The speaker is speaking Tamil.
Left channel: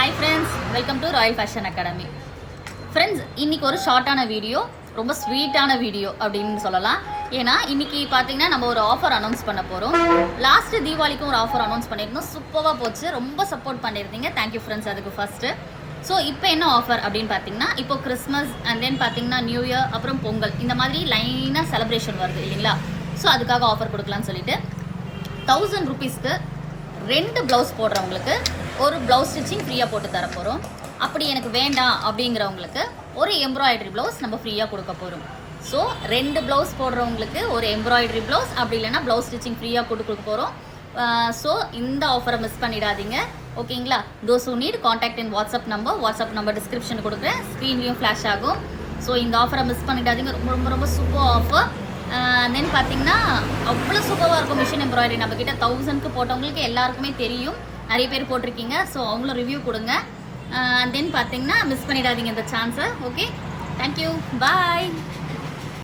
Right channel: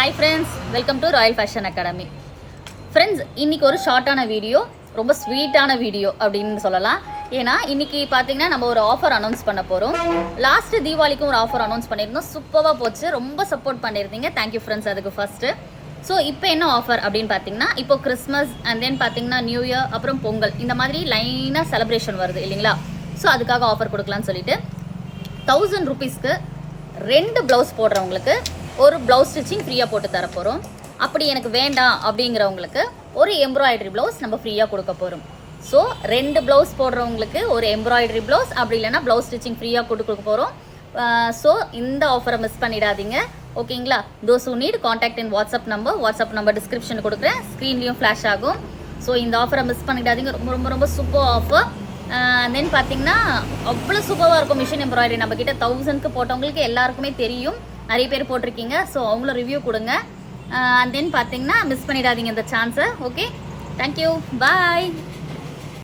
Hi friends, welcome to Royal fashion academy. Friends, இன்னைக்கு ஒரு ஷார்ட்டான வீடியோ, ரொம்ப ஸ்வீட்டான வீடியோ அப்படின்னு சொல்லலாம். ஏன்னா இன்னைக்கு பார்த்தீங்கன்னா நம்ம ஒரு ஆஃபர் அனௌன்ஸ் பண்ண போகிறோம். லாஸ்ட் தீபாவளிக்கும் ஒரு ஆஃபர் அனௌன்ஸ் பண்ணியிருந்தோம். சூப்பராக போச்சு, ரொம்ப சப்போர்ட் பண்ணியிருந்தீங்க. தேங்க்யூ ஃப்ரெண்ட்ஸ் அதுக்கு ஃபர்ஸ்ட்டு. ஸோ இப்போ என்ன ஆஃபர் அப்படின்னு பார்த்தீங்கன்னா, இப்போ கிறிஸ்மஸ் அண்ட் தென் பார்த்தீங்கன்னா நியூ இயர், அப்புறம் பொங்கல், இந்த மாதிரி லைனாக செலிப்ரேஷன் வருது இல்லைங்களா? ஸோ அதுக்காக ஆஃபர் கொடுக்கலான்னு சொல்லிட்டு 1000 rupeesக்கு 2 பிளவுஸ் போடுறவங்களுக்கு ஒரு பிளவுஸ் ஸ்டிச்சிங் ஃப்ரீயாக போட்டு தர போகிறோம். அப்படி எனக்கு வேண்டாம் அப்படிங்கிறவங்களுக்கு ஒரு எம்ப்ராய்டரி பிளவுஸ் நம்ம ஃப்ரீயாக கொடுக்க போகிறோம். ஸோ 2 பிளவுஸ் போடுறவங்களுக்கு ஒரு எம்ப்ராய்டரி பிளவுஸ், அப்படி இல்லைன்னா பிளவுஸ் ஸ்டிச்சிங் ஃப்ரீயாக கொடுக்க போகிறோம். ஸோ இந்த ஆஃபரை மிஸ் பண்ணிடாதீங்க, ஓகேங்களா? Those who need contact in WhatsApp number description கொடுக்குறேன், ஸ்க்ரீன்லேயும் ஃப்ளாஷ் ஆகும். ஸோ இந்த ஆஃபரை மிஸ் பண்ணிடாதீங்க, ரொம்ப ரொம்ப ரொம்ப சூப்பர் ஆஃபர். தென் பார்த்தீங்கன்னா அவ்வளோ சூப்பராக இருக்கும் மிஷின் எம்ப்ராய்டரி. நம்ம கிட்ட 1000க்கு போட்டவங்களுக்கு எல்லாருக்குமே தெரியும், நிறைய பேர் போட்டிருக்கீங்க. ஸோ அவங்கள ரிவ்யூ கொடுங்க. தென் பார்த்தீங்கன்னா மிஸ் பண்ணிடாதீங்க இந்த சான்ஸை. ஓகே, தேங்க்யூ, பாய்.